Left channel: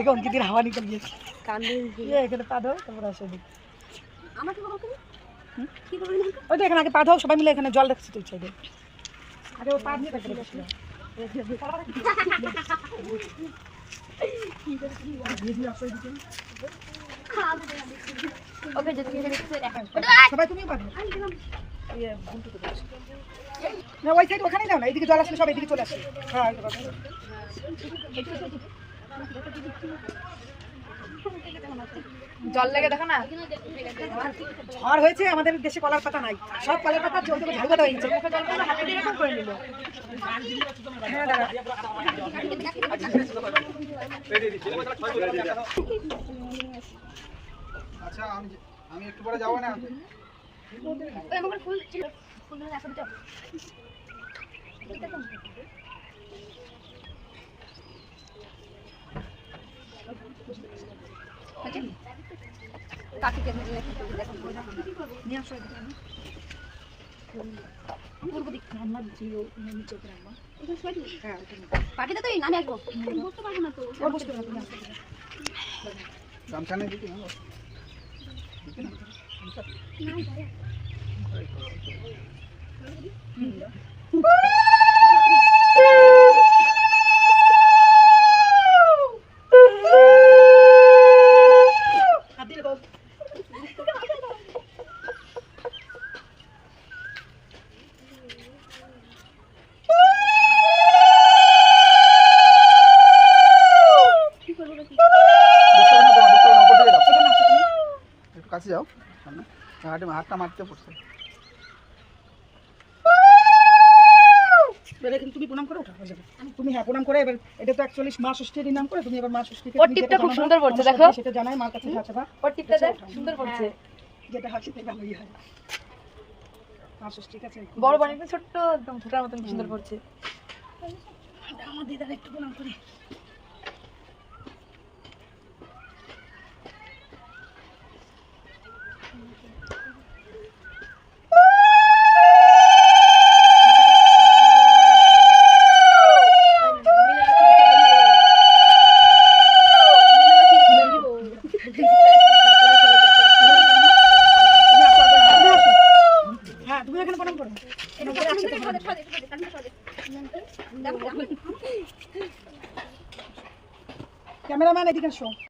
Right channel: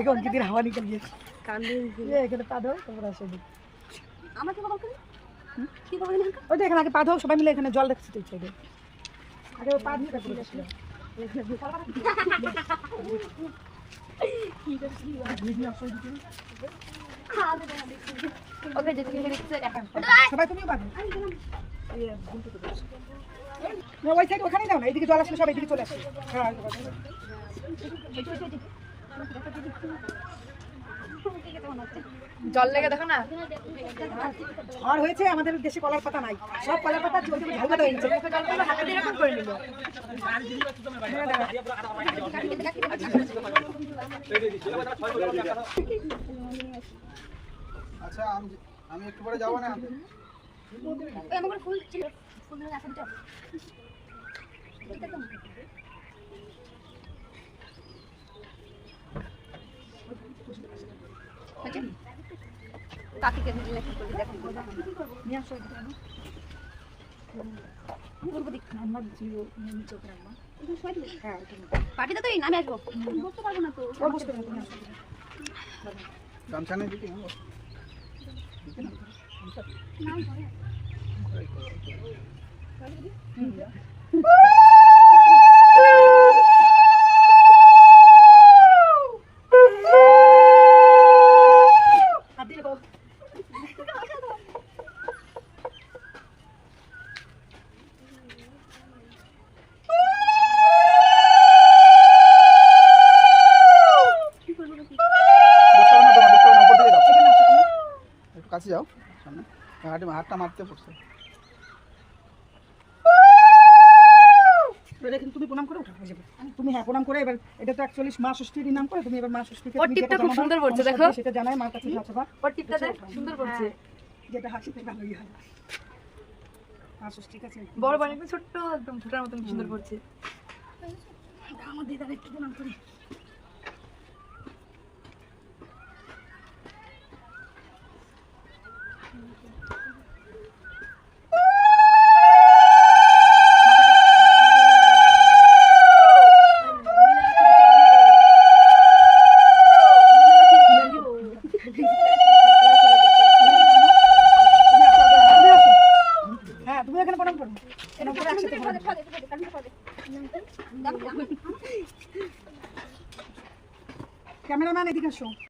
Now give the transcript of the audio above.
देखो उनकी दिन हवा निकल गई ये এখানে পা দাও তারপর আসো আমাকে বল কি করবে না ওই দেখেন আগে পা দাও সবাই মিলে এখানে জল রাখছি তুই চাইবে আগে ও পা দিয়ে কাটতে গেছিল কি করছিস ভিডিও আপলোড দিতে ওকে যদি তুমি দেখতে এখন সবাই তুমি পাবে এই বুনটু তো দাও না ওই সাইড ওখানে দাও না এদিকে জল আসলে সব এদিকে চলে আসে হ্যাঁ এই তো কথা জল লেগে দেখো না ঝড় হয়েছে আমাদের দেশে কলার পাতা নাই সব কলার পাতা চলতে ঝাল পাতা হয়েছে হাতে দিয়ে এরকম করে নিল আচ্ছা আমি একটু পরে যাব না ওই আমার ফুল ছিল ফুল না এখন তো কাকিকে দিলে কি করবে দেখো নিয়ে আসো পূর্ব দিক আমরা জিও নিচে রাখবো হ্যাঁ পার্টিতে তো এই নামে আসবো বুঝতে পারবো না তো বুঝতে পারবো না গামছা নেই দিতে না কাছে যাও সামনে হাতটা মারতে পড়ছে এবারে কিন্তু তুমি প্রণাম করে ওঠা হয়ে যাবে তুমি হ্যাঁ প্রণাম করে এবার এটা তো অ্যাকচুয়ালি মা ষষ্ঠীর নাম করে তুমি এবার মা ষষ্ঠীকে ওর টিপটা খুব সুন্দর পড়ছে দেখো সেটা জানাই মার কাছে আছে বা ওর টিপটা দেখ সুন্দর পড়ছে যেটা হাসিতে ভালোই হয় মা ষষ্ঠীর কাছে বড় বাড়ি ছোট্ট একদম ছোটার মতন সুন্দর পড়ছে আমার দিদার একটু প্রণাম করি হ্যাঁ তুমি এখানে প্রণাম করো ক্যামেরাম্যান এদিকে এসো